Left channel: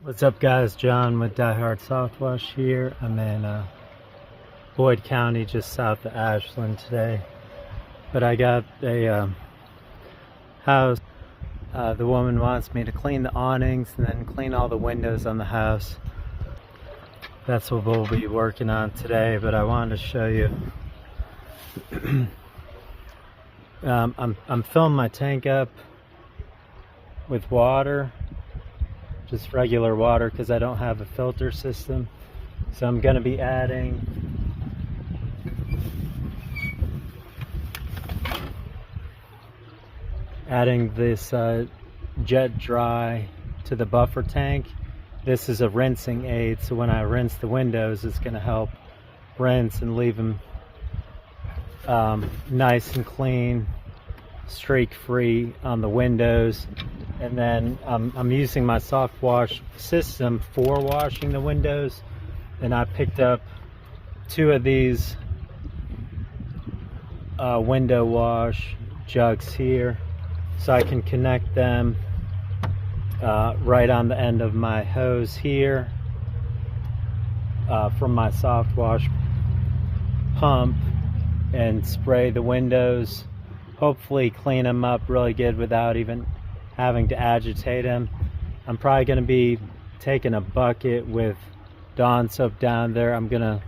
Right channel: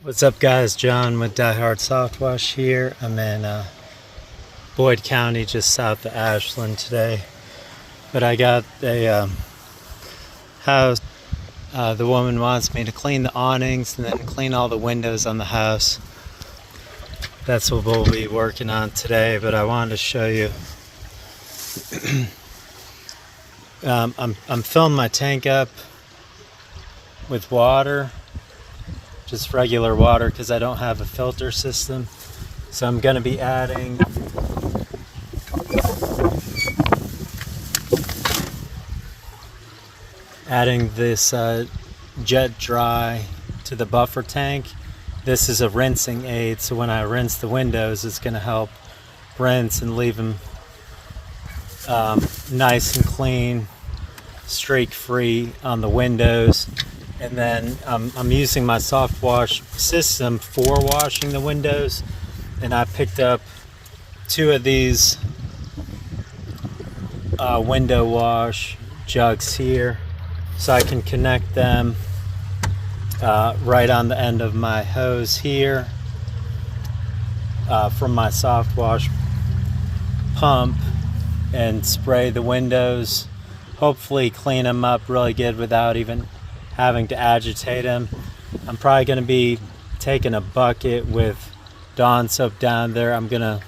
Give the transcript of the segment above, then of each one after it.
What's up, guys? John with Diehard Soft Wash here. I'm in Boyd County, just south of Ashland today. But I got a house. The woman wants me to clean the awnings and then clean all the windows on the house. That's what we'll be working on today, but I wanted to show you. I'm filling my tank up with water, just regular water, because I don't have a filter system. So I'm going to be adding this jet dry to the buffer tank. This is a rinsing aid, so when I rinse the windows, it's going to help rinse and leave them nice and clean, streak free on the windows. And then I'm using my soft wash system for washing the windows, and I picked up 2 of these window wash jugs here, so I can connect them right on the end of my hose here from my soft wash pump, and spray the windows, hopefully clean them up really good without even having to agitate them. I'm probably going to be taking a bucket with Dawn soap down there. I'm going to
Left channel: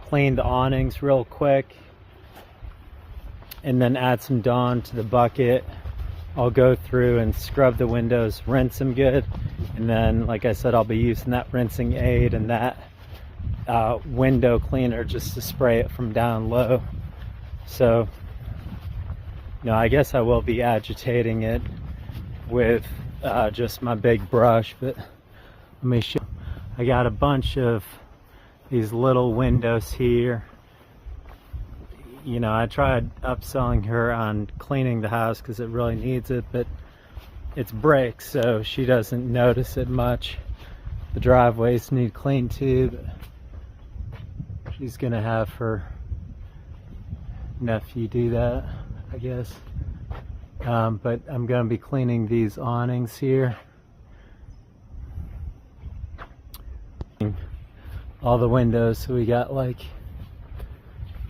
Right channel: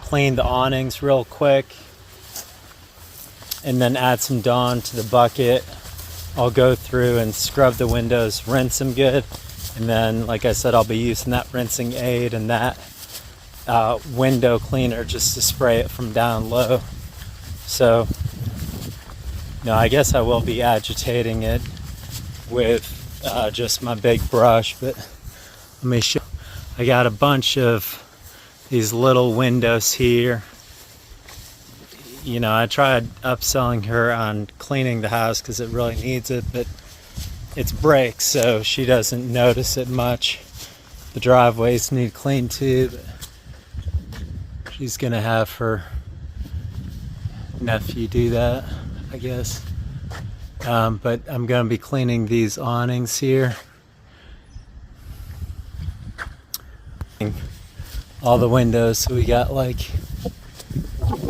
clean the awnings real quick and then add some Dawn to the bucket. I'll go through and scrub the windows, rinse them good, and then, like I said, I'll be using that rinsing aid and that window cleaner just to spray it from down low. So, no, I guess I will be agitating it with just my big brush, but let me show. I got a bunch of these little windows here. You know, I tried upselling her on cleaning the house because it really needs it, but it's brick, so she doesn't notice it much. The driveways need cleaned too, but she's gonna have her nephew do that, I guess. But I'm going to be cleaning these awnings here. All the windows, so we got like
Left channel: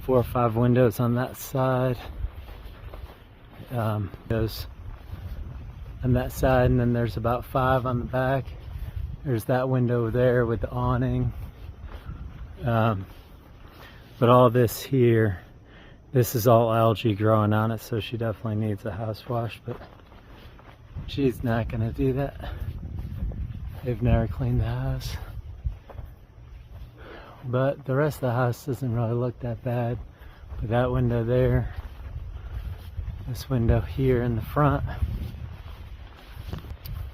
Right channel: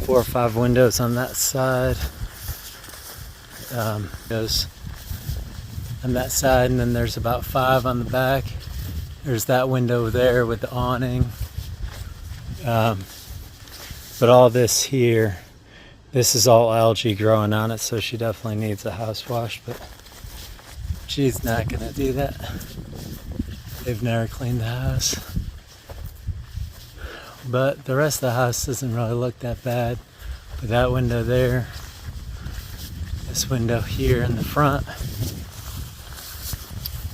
4 or 5 windows on that side. Those on that side, and then there's about 5 on the back. There's that window there with the awning. But all this here, this is all algae growing on it, so she definitely needs a house wash, but she's not gonna do that. They've never cleaned the house. But the rest of the house doesn't really look that bad. But that window there, this window here in the front.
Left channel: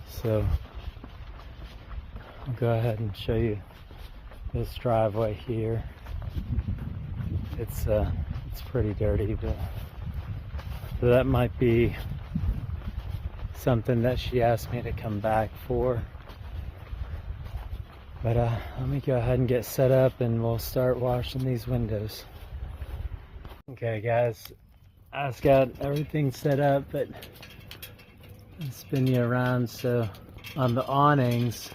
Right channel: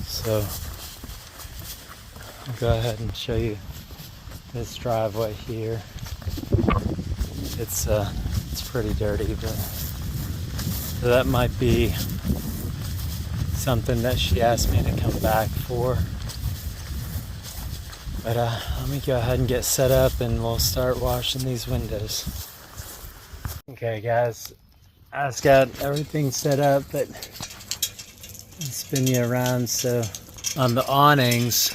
So I'll go ahead and show you this driveway here. It's pretty dirty, but so that might be something that she asked me to come back for. But let me go ahead and get set up and we'll start washing these windows. Okay guys, I just got everything set up, but I'll spin you around. So on the awnings,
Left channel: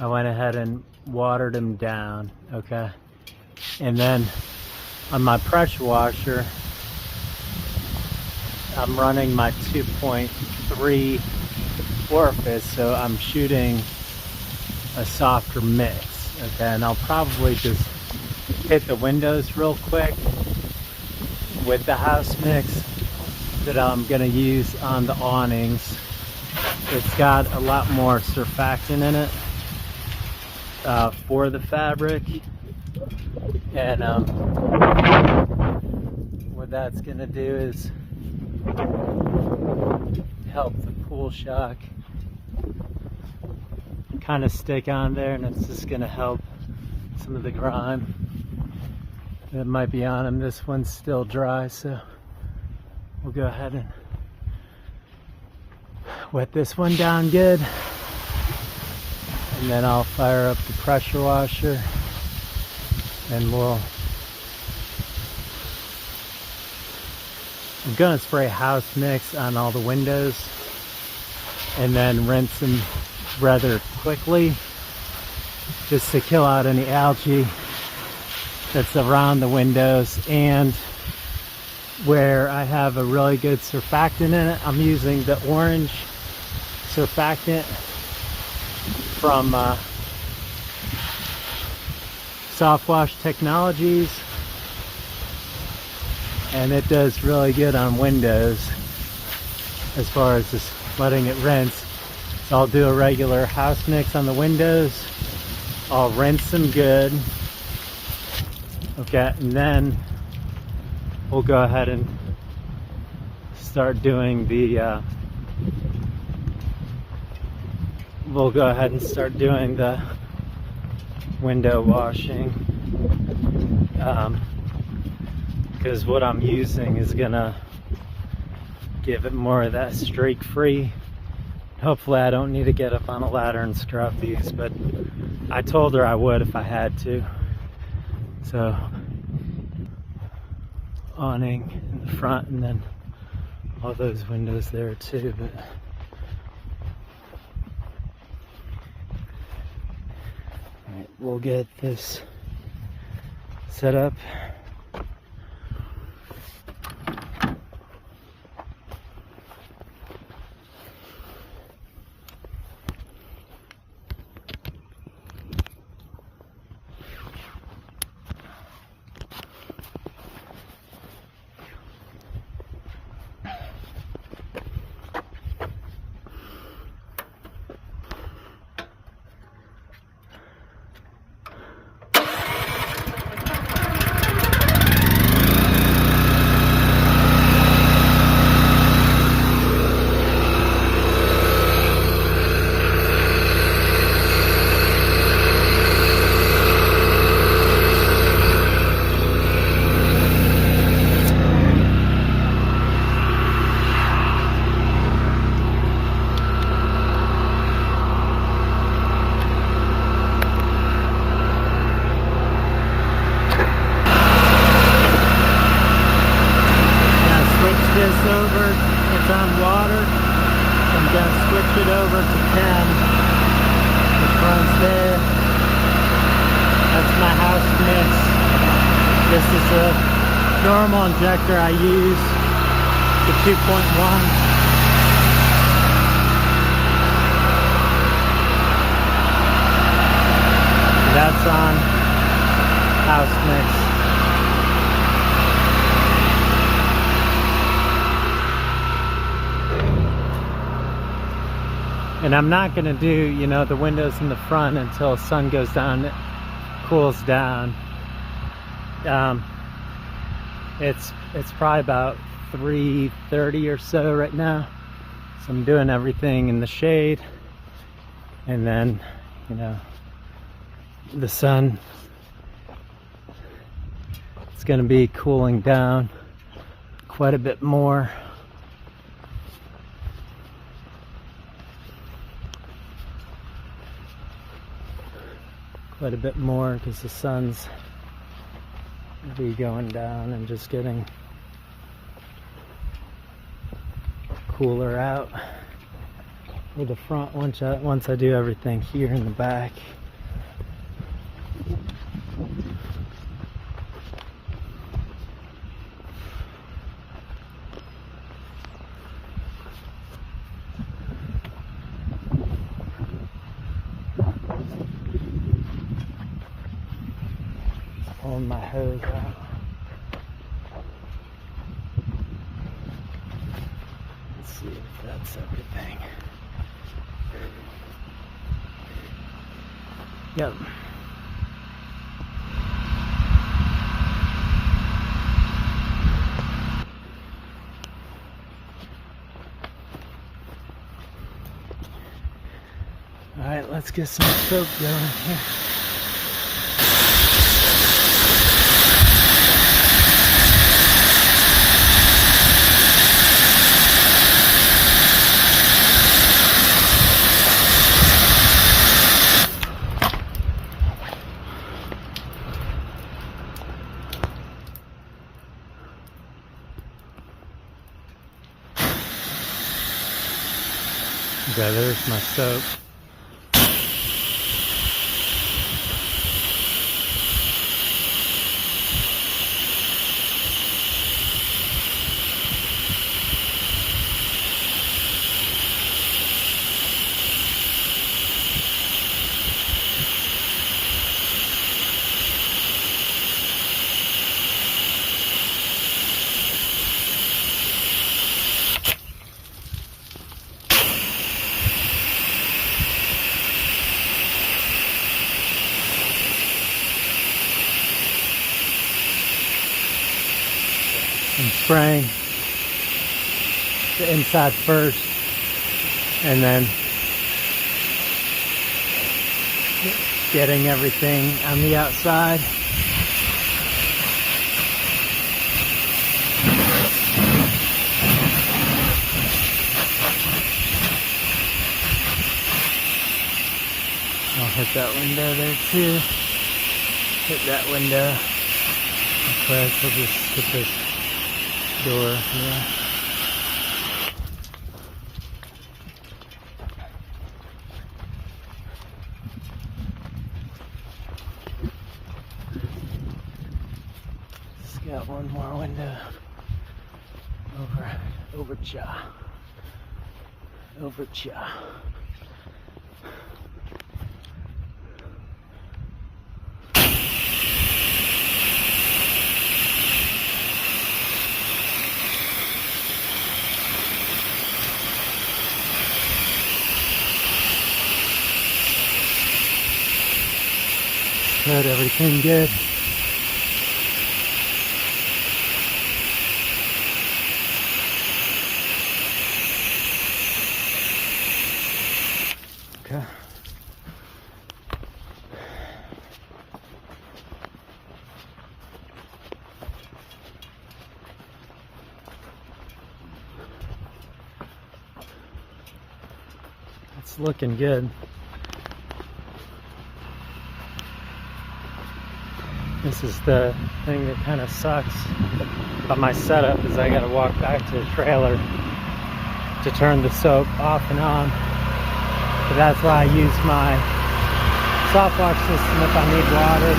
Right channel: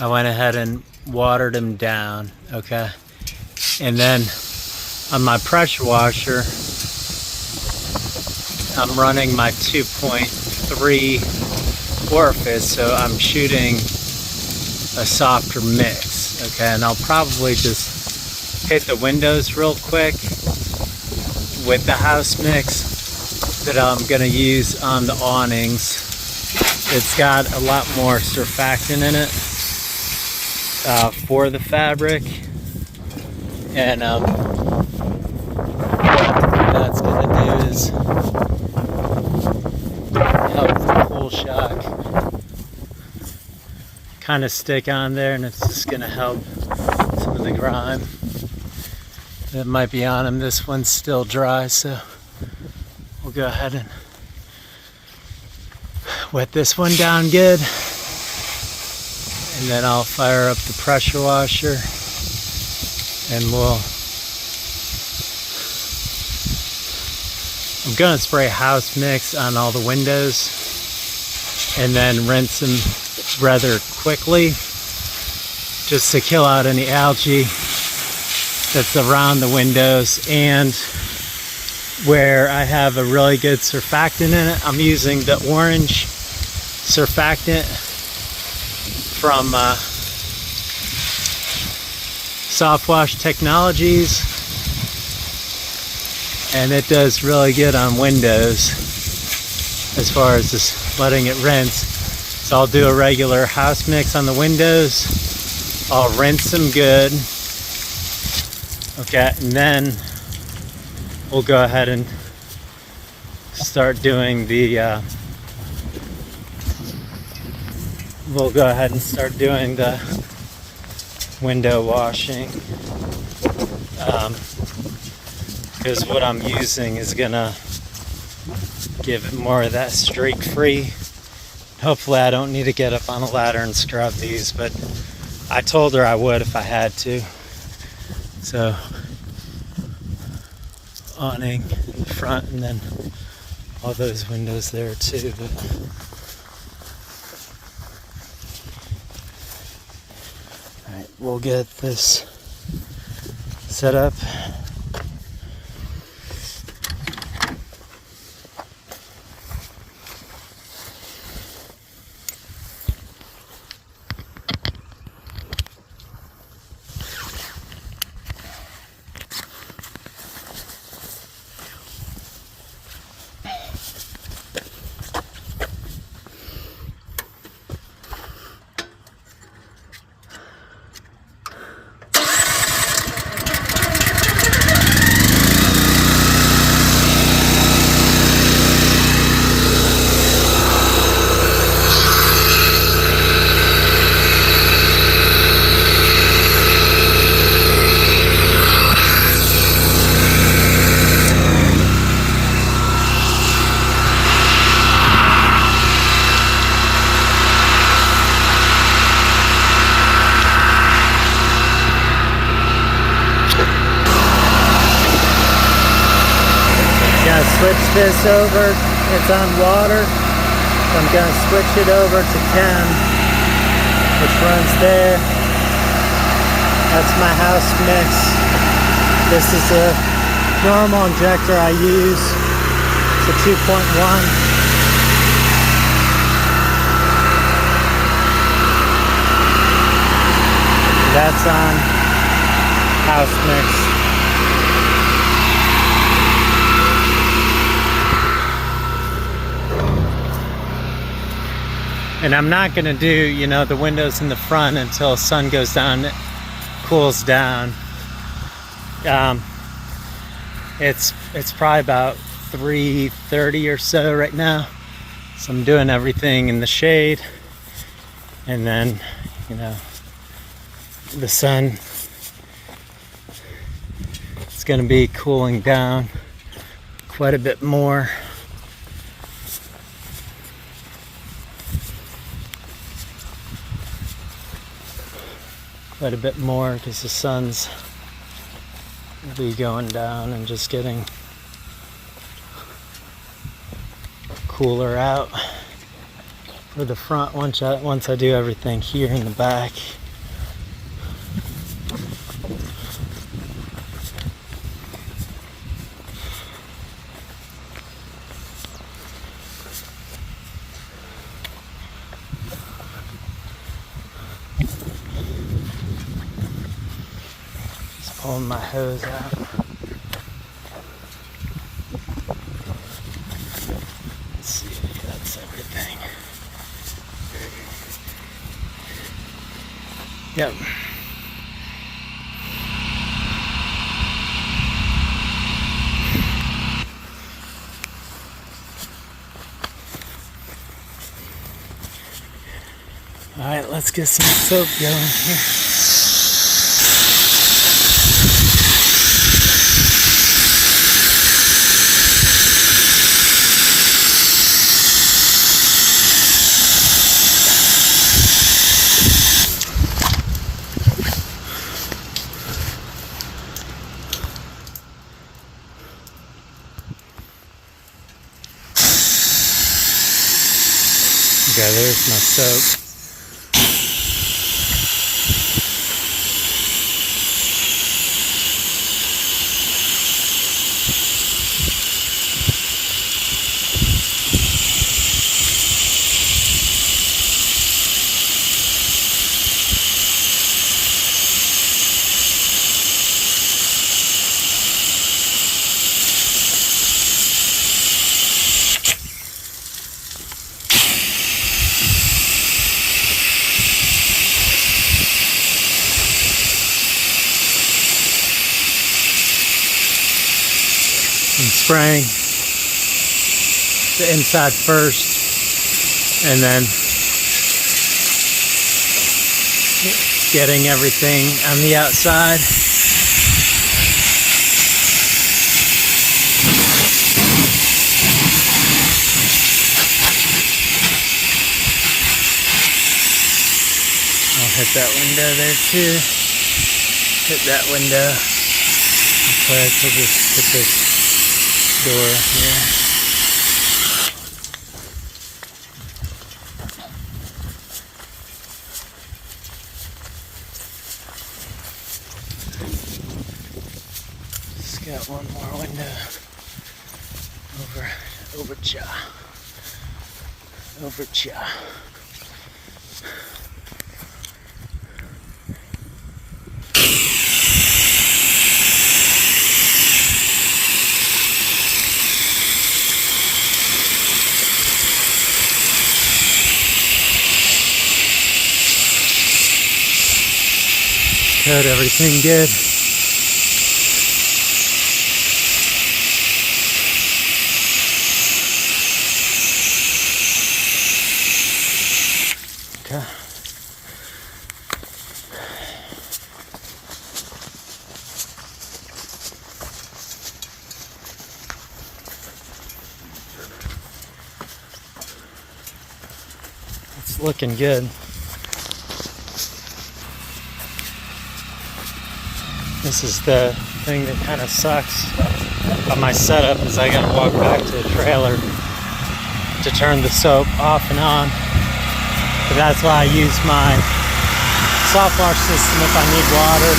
I went ahead and watered them down, okay? And then on my pressure washer, I'm running my 2.3 orifice, so I'm shooting a softer mix, okay? And I'll probably just hit the windows real quick with the house mix that I'm gonna use on the awnings. It's got a lot more surfactant in it for the fabric, and that's gonna do is help the cool shock kind of stick on there, and it's just gonna help some of the grime that might be on them. This one's still dry, so we'll go ahead and wet this one down good, and then I'll fire up the pressure washer and I'm gonna spray house mix on all the windows and then rinse them rather quickly, just to kill out any algae that's around the windows. And where I have a really good surfactant in it, I'm using the orange surfactant from Soft Wash Technologies, and it does really good on windows as far as just letting it rinse. So I'll do a regular house mix on the windows, I'll rinse them good, okay, and then we'll go ahead and start doing the window washing, because what I'm using is gonna give it more of that streak free. Hopefully I don't need to get up on a ladder and scrub these, but I told her I would if I had to. So awning in the front, and then all those windows there too. But all right, we'll get this set up. Switch this over, it's on water, so I'm going to switch it over to 10, which runs there. That's my house mix. This is a normal injector I use. It's a 2.1. That's on house mix. And I'm not going to do, the windows in the front until sun goes down, it cools down. It's probably about 3:30 or so right now. So I'm doing everything in the shade. And then, the sun is going to be cooling down quite a bit more. Quite a bit more because the sun's will be going down and just getting cooler out for the front once I do everything here in the back. Pulling my hose out. Let's see if that's everything. Yep. All right, let's get some soap going here. Okay, there's my soap. I'm spraying the inside first and then getting everything on the outside. I'll hit that window there too. Hit that window. Quick, we'll just hit this door here. Just got one more window. Over cha. Good, everything good. Okay. It's looking good. This is the thing that kind of sucks about my setup is I gotta walk back to the trailer to turn the soap off and on. But that's why I use my soft wash system if I need water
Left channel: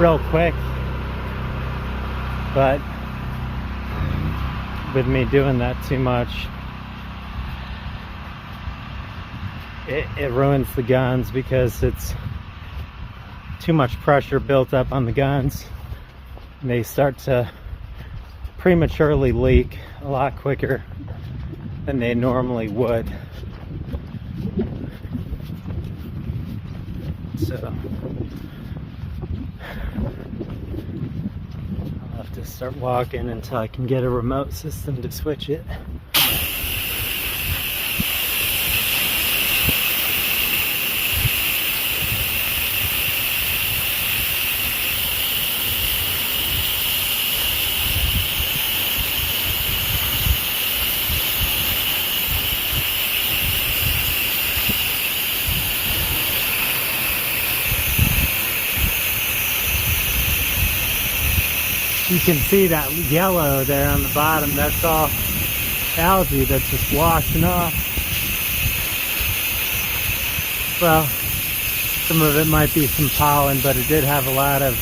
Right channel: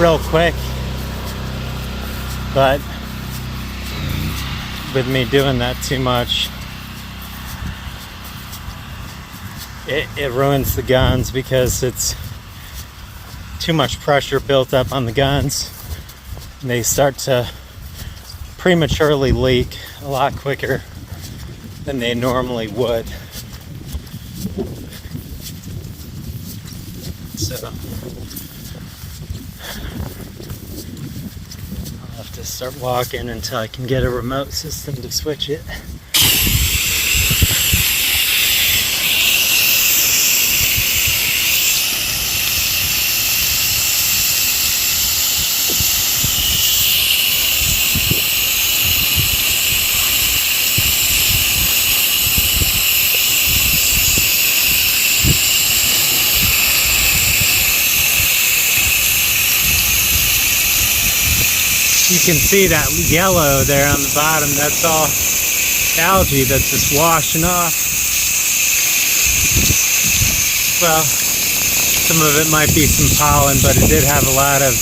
real quick. But with me doing that too much, it ruins the guns because it's too much pressure built up on the guns and they start to prematurely leak a lot quicker than they normally would. So I'll have to start walking until I can get a remote system to switch it. You can see that yellow there on the bottom. That's all algae that's just washing off. Well, some of it might be some pollen, but it did have a lot of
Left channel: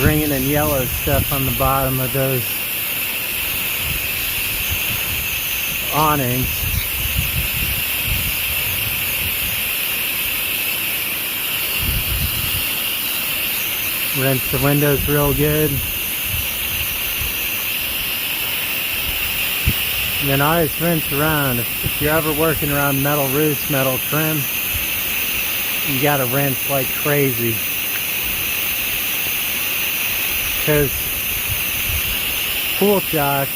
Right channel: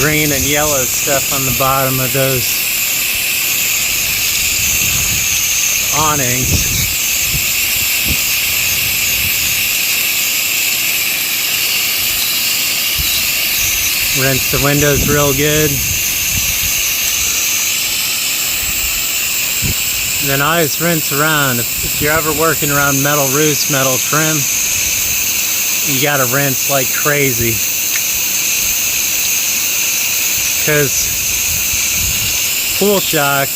green and yellow stuff on the bottom of those awnings. Rinse the windows real good. And then always rinse around. If you're ever working around metal roofs, metal trim, you gotta rinse like crazy. Because pool shock,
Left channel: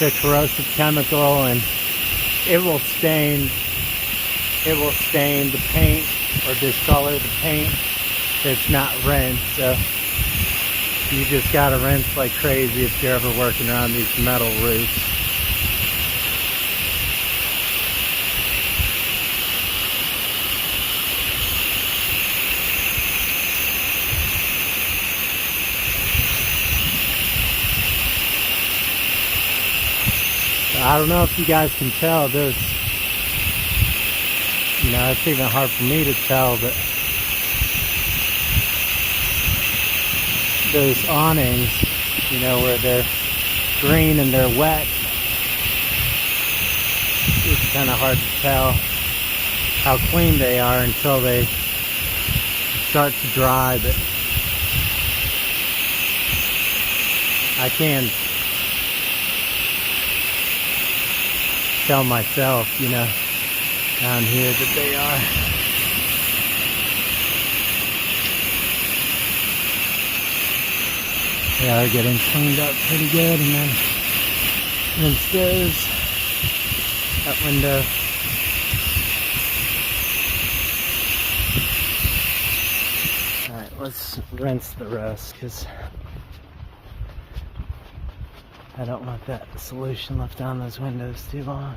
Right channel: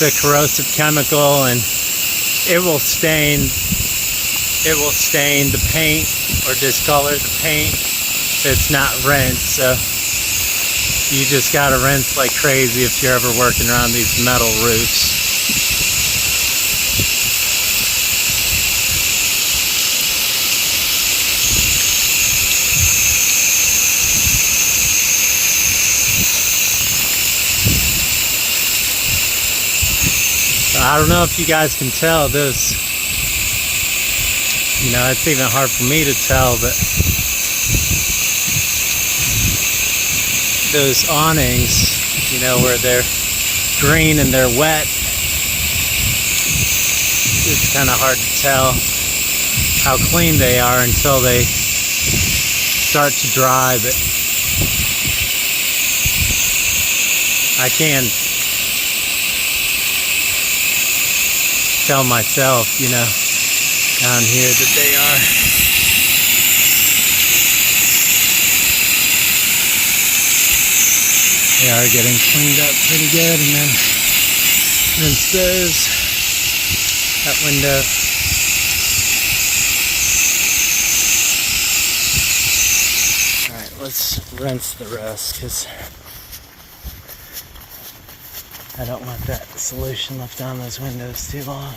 the corrosive chemical, and it will stain the paint or discolor the paint if it's not rinsed. So you just gotta rinse like crazy if you're ever working around these metal roofs. So I don't know if you guys can tell this. You know, it's even hard for me to tell, but those awnings, you know, where they're green and they're wet, it's kind of hard to tell how clean they are until they start to dry, but I can tell myself, you know, down here that they are. They are getting cleaned up pretty good, and then rinse those, that window. Alright, let's rinse the rest, because I don't want that solution left on those windows too long.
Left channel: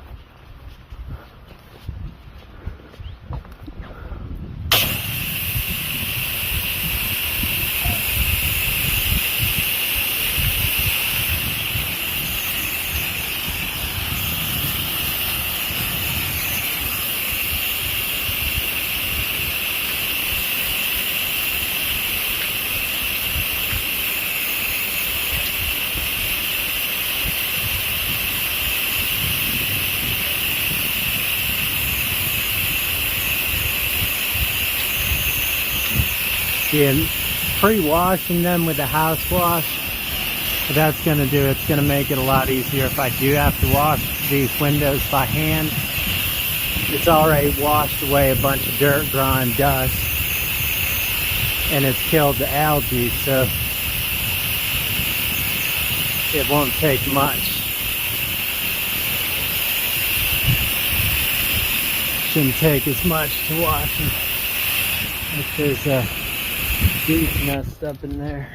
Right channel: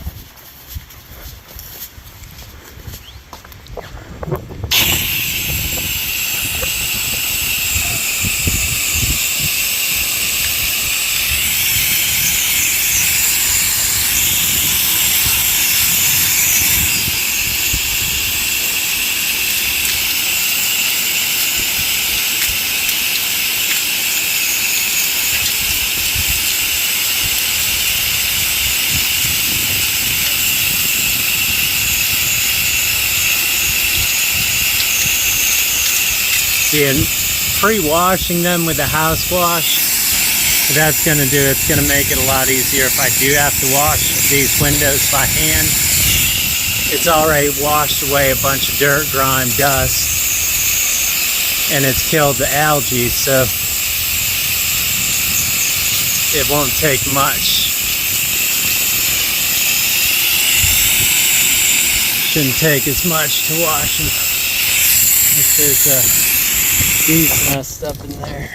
See, pre-washing them with the house wash, what that's going to do, it's going to make it a lot easier if I do have to wash these windows by hand. It's already washed away a bunch of dirt, grime, dust, and it's killed the algae, so it won't take much. Shouldn't take as much to wash them. If there's a bee's nest up in there.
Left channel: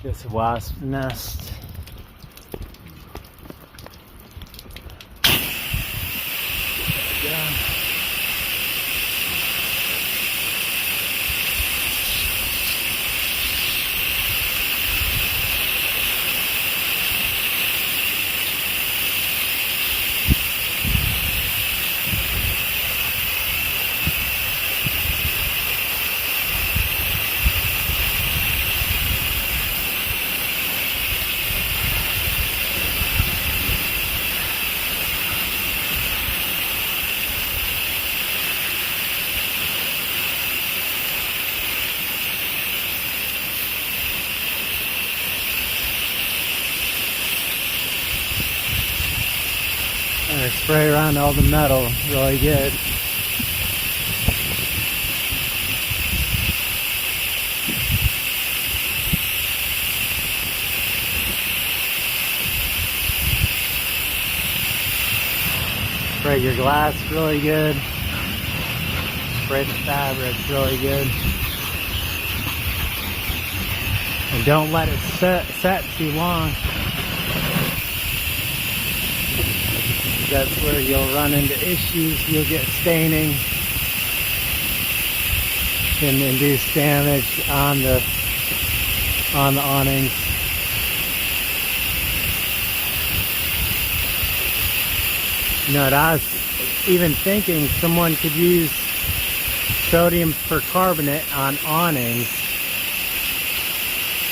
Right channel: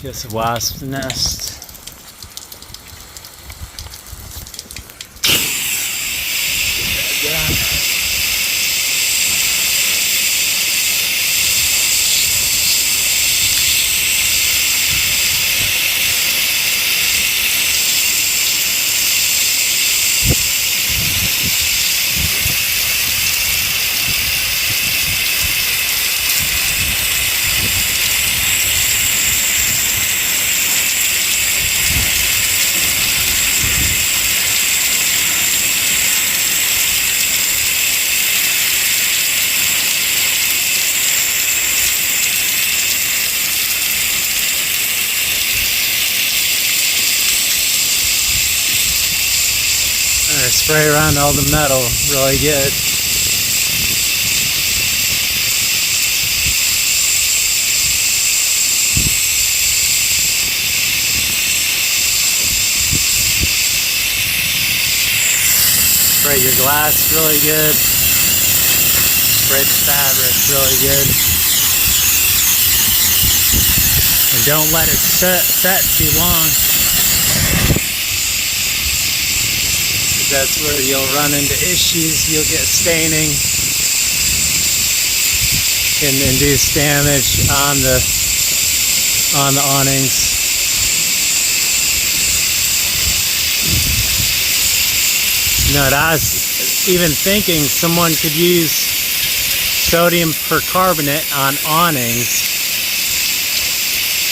Guess a wasp nest. Get that done. Spray around all the metal really good. Spray your glass really good. Spray the fabric really good. And don't let it set too long. That's where you'll run into issues. You'll get staining, can induce damage on the awnings. You know, I was even thinking someone could use sodium percarbonate on awnings,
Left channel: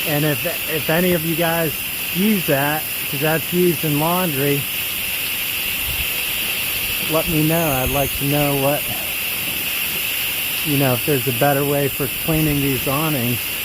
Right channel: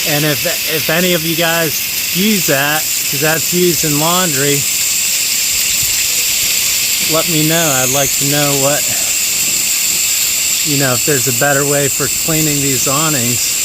and if any of you guys use that, because that's used in laundry, let me know. I'd like to know what, if there's a better way for cleaning these awnings.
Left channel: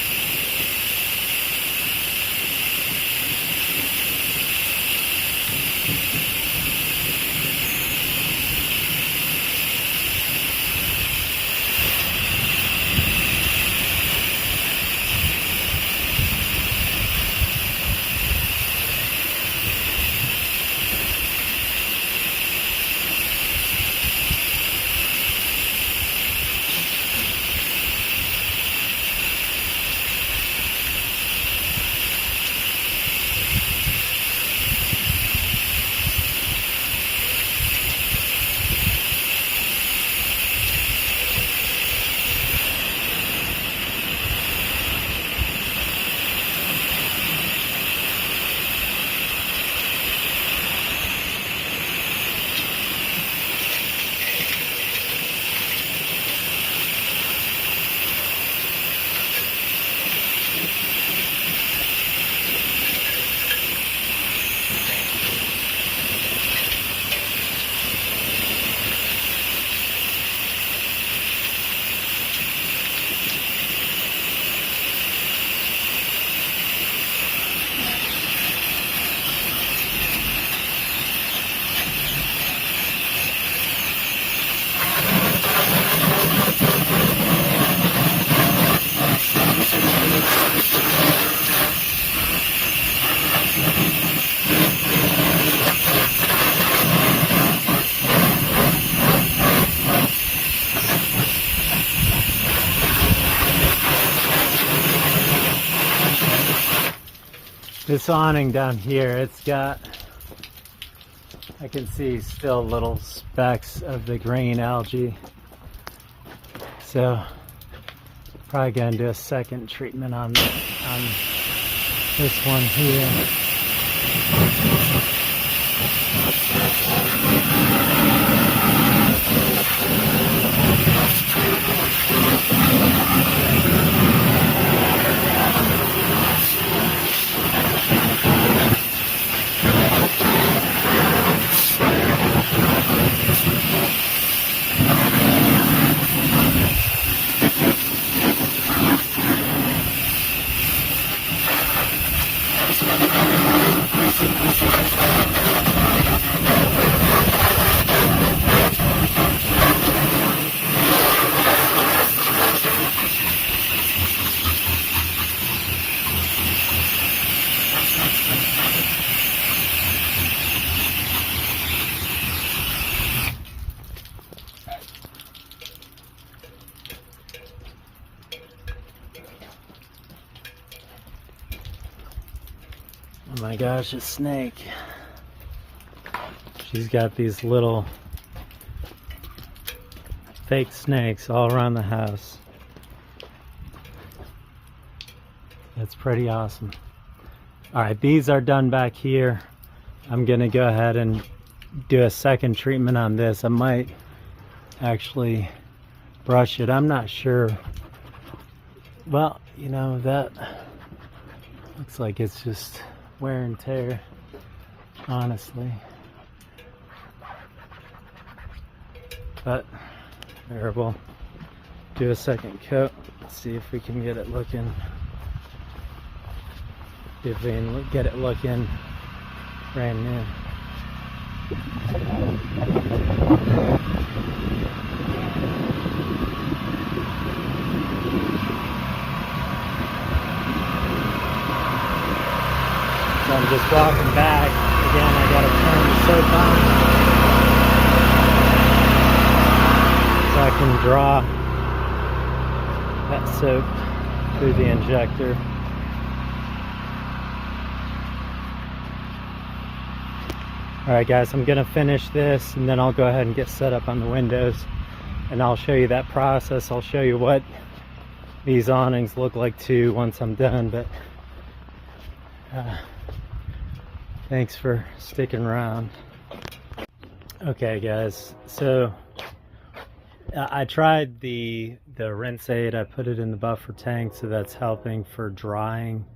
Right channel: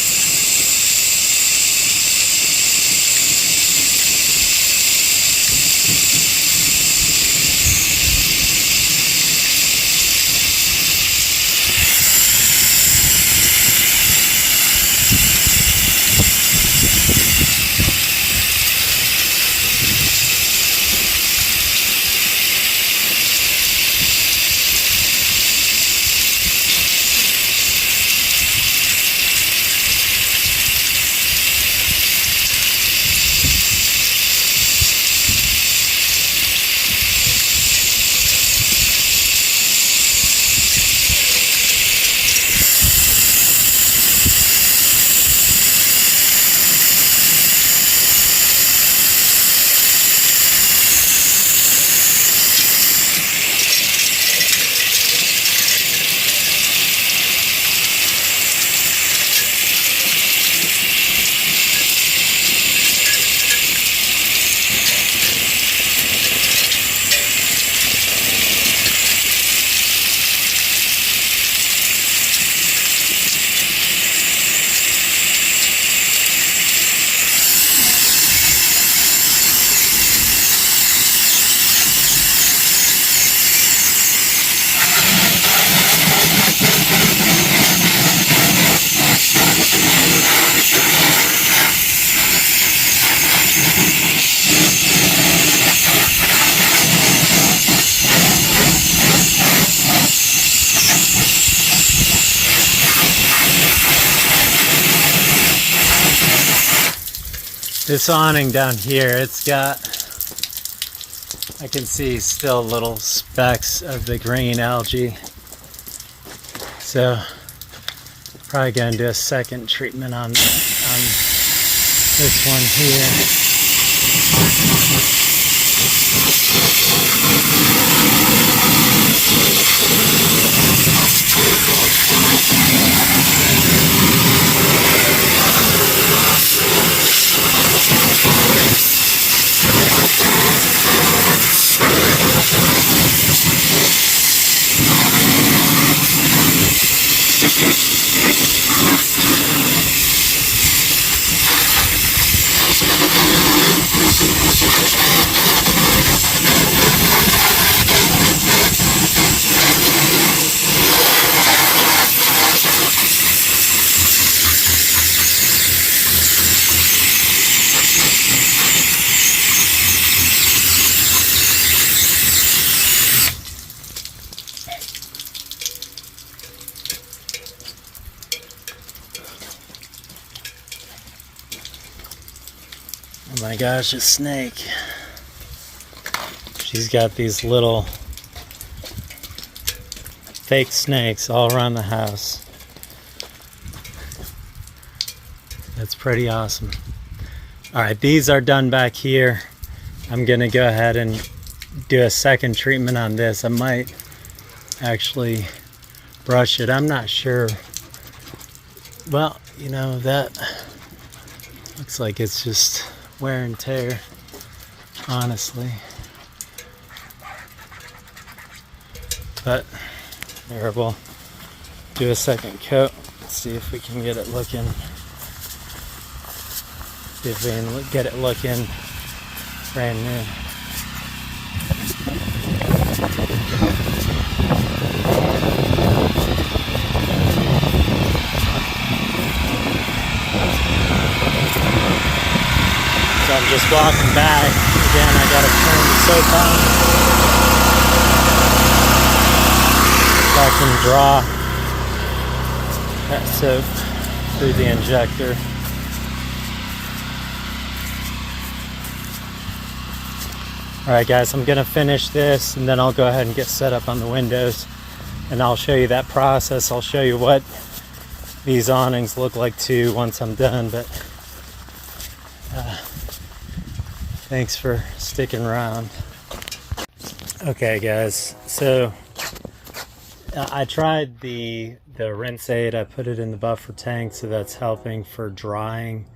This awning down here, it's got, I can see still little specks of the green algae. So probably gonna do a second treatment on this one here. Oh my gosh, a snake. She's got these little fake snakes all around the house. That's pretty awesome. Alright, these are done back here. I'm gonna go ahead and do a second treatment on this. I might actually brush it. I'm not sure. Well, you know, that looks like it's just wear and tear, honestly. But there, we'll do a second coat. Let's see if we can get it looking. See if we can get it looking brand new. So I'm just walking back. Again, I gotta turn the soap on so I can draw that soap through the injector. Alright guys, I'm gonna finish this and then I'll go ahead and get set up on the windows and I'll show you that process. I'll show you what these awnings look like too once I'm done, but thanks for sticking around. Okay guys, so I tried the rinse aid. I put it in the buffer tank, so that's helping for drying.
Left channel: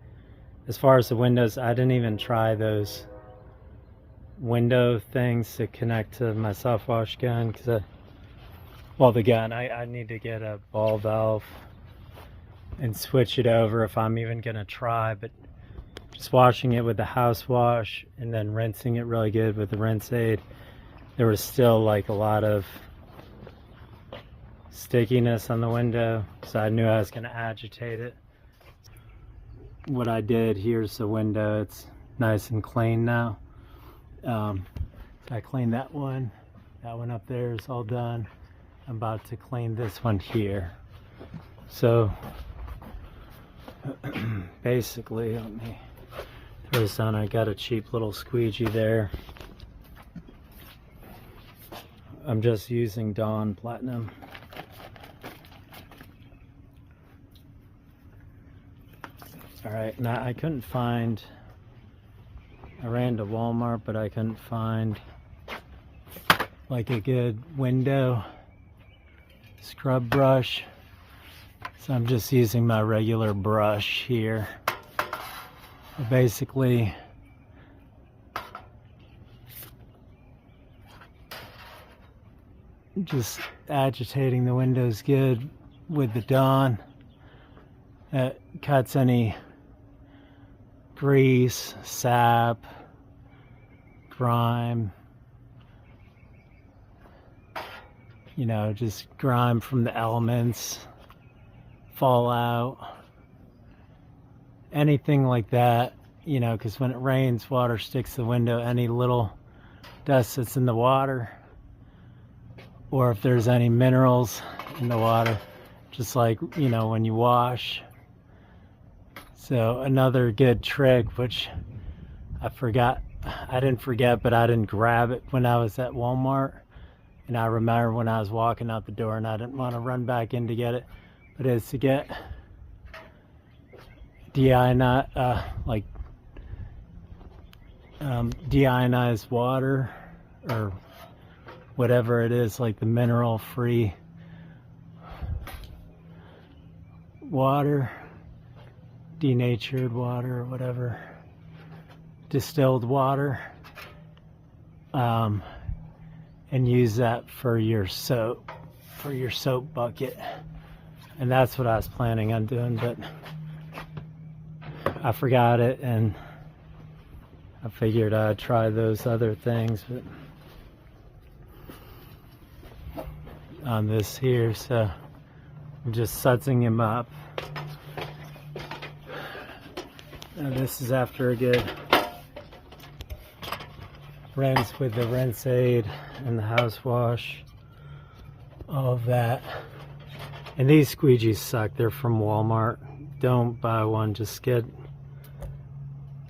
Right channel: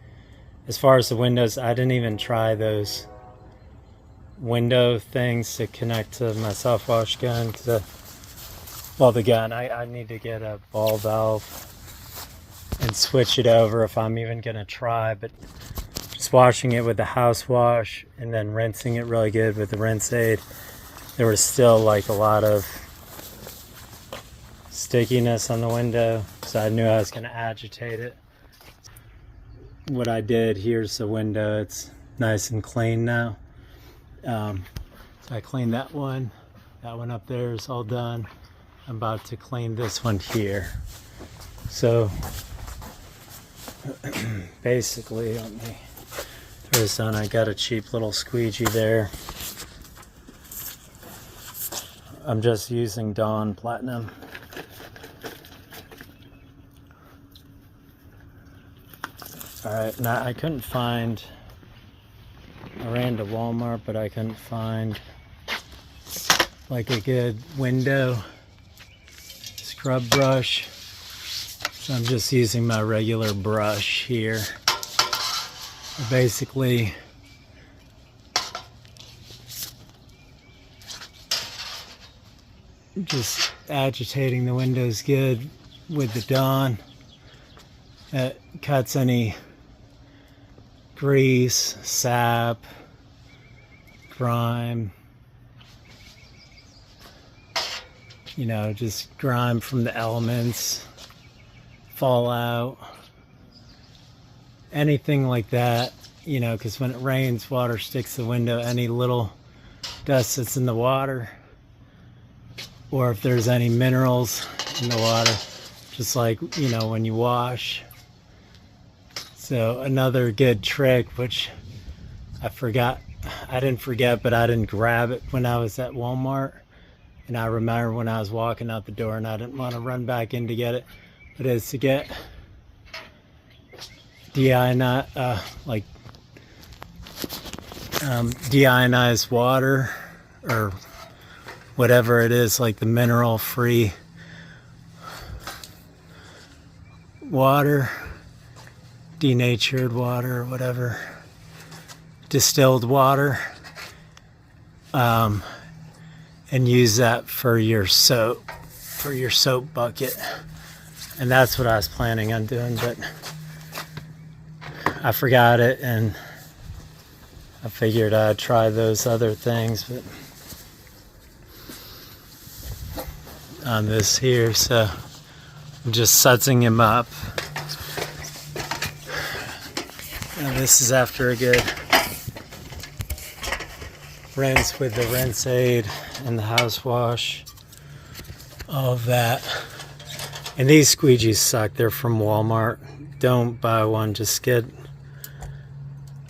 As far as the windows, I didn't even try those window things to connect to my soft wash gun, because well, the gun, I need to get a ball valve and switch it over if I'm even gonna try. But just washing it with the house wash and then rinsing it really good with the rinse aid, there was still like a lot of stickiness on the window, so I knew I was gonna agitate it. What I did, here's the window, it's nice and clean now. So I cleaned that one up there is all done. I'm about to clean this one here. So basically, let me throw this on. I got a cheap little squeegee there. I'm just using Dawn Platinum. Alright, now I couldn't find, I ran to Walmart, but I couldn't find like a good window scrub brush. So I'm just using my regular brush here. Basically, just agitating the windows good with the Dawn. It cuts any grease, sap, grime, you know, just grime from the elements, fallout, anything like that, you know, because when it rains, water sticks to the window. Any little dust that's in the water, or if there's any minerals in the water, just like, you know, when you wash, So another good trick, which I didn't forget, but I didn't grab it when I was at Walmart. And I remember when I was walking out the door and I didn't want to run back in to get it, but it's to get deionized water, or whatever it is, like the mineral free water, denatured water, or whatever, distilled water, and use that for your soap bucket. And that's what I was planning on doing, but I forgot it, and I figured I'd try those other things, but on this here, so I'm just sudsing him up. And this is after a good rinse with the rinse aid and the house wash, all of that. And these squeegees suck. They're from Walmart. Don't buy one, just get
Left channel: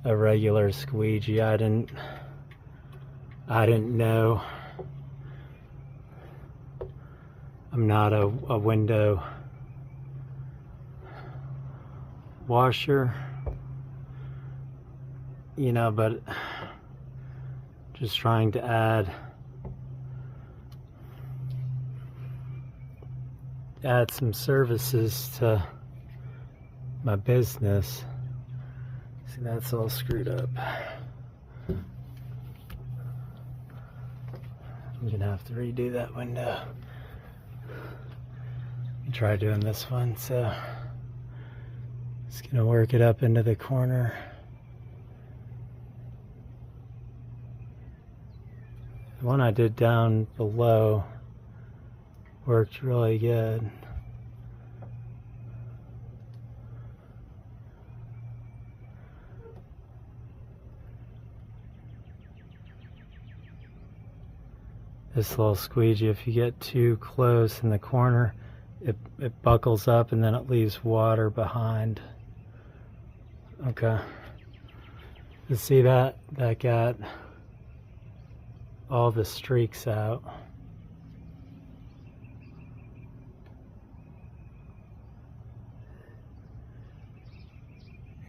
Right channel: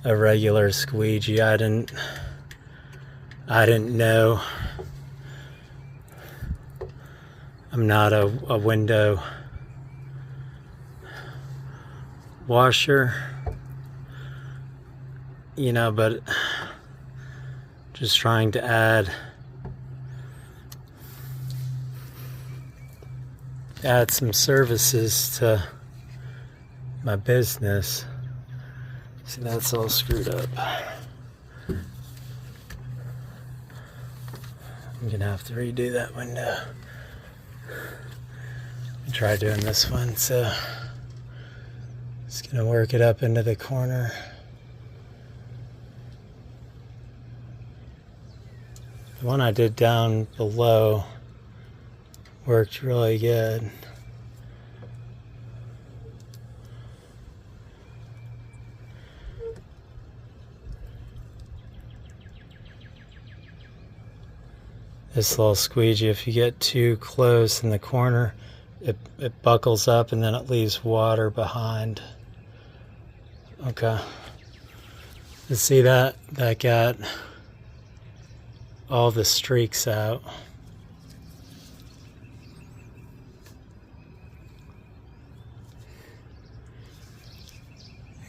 a regular squeegee. I didn't know. I'm not a window washer, you know, but just trying to add some services to my business. See, that's all screwed up. I'm gonna have to redo that window. Try doing this one, so just gonna work it up into the corner. The one I did down below worked really good. This little squeegee, if you get too close in the corner, it buckles up and then it leaves water behind. Okay. Let's see that got all the streaks out.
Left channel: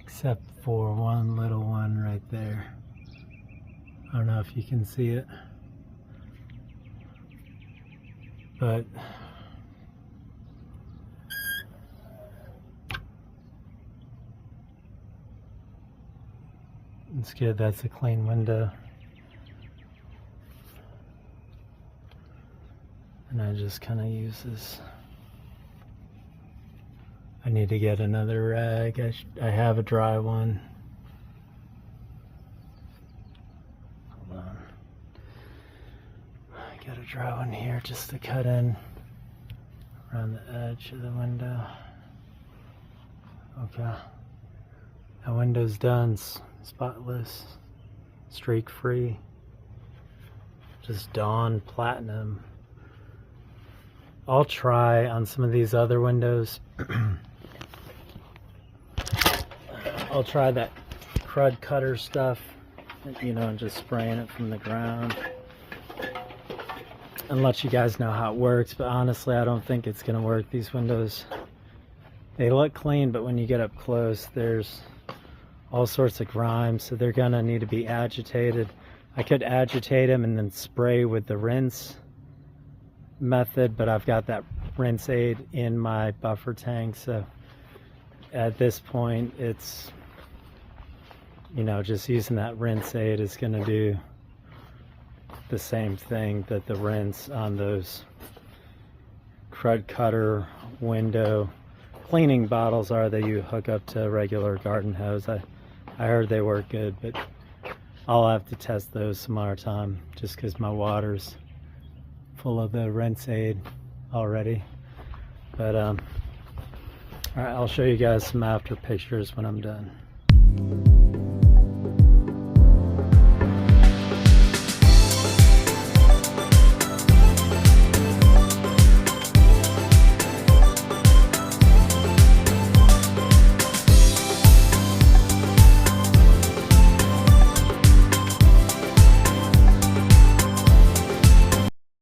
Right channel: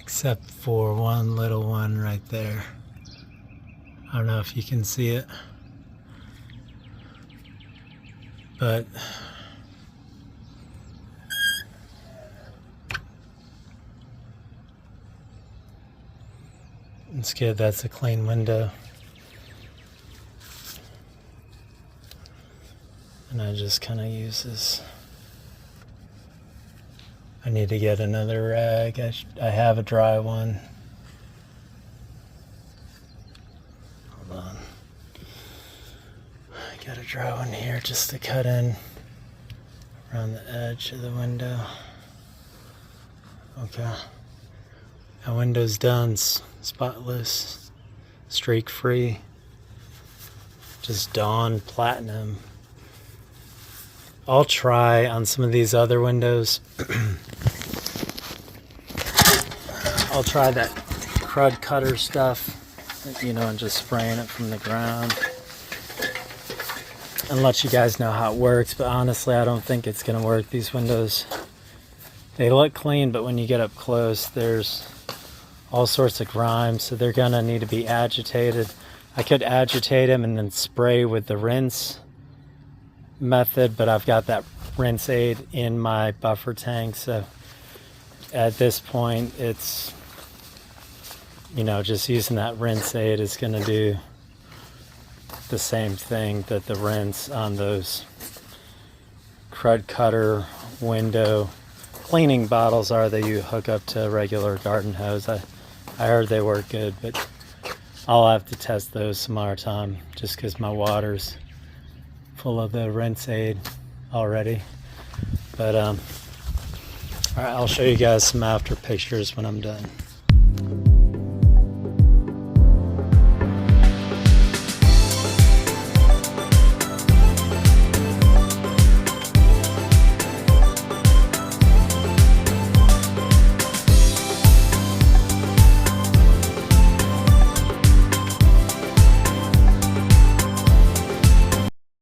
Except for one little one right there. I don't know if you can see it, but it's good. That's a clean window. And I just kind of use this. I need to get another rag. I have a dry one. Hold on. I got a dry one here just to cut in around the edge of the window. Okay. That window's done. Spotless, streak free, just Dawn Platinum. I'll try on some of these other windows. I'll try that crud cutter stuff, you know, and just spraying it from the ground and let you guys know how it works. But honestly, I don't think it's gonna work. These windows, they look clean, but when you get up close, there's all sorts of grime, so they're gonna need to be agitated. I could agitate them and then spray with the rinse method, but I've got that rinse aid in my buffer tank, so at this point it's, you know, just using that rinse aid is gonna do the same thing that the rinse on those crud cutter window cleaning bottles are that you hook up to a regular garden hose. I heard they work good, but I'll have to test those some other time just because my water's full of the rinse aid already. But all right, I'll show you guys some after pictures when I'm done.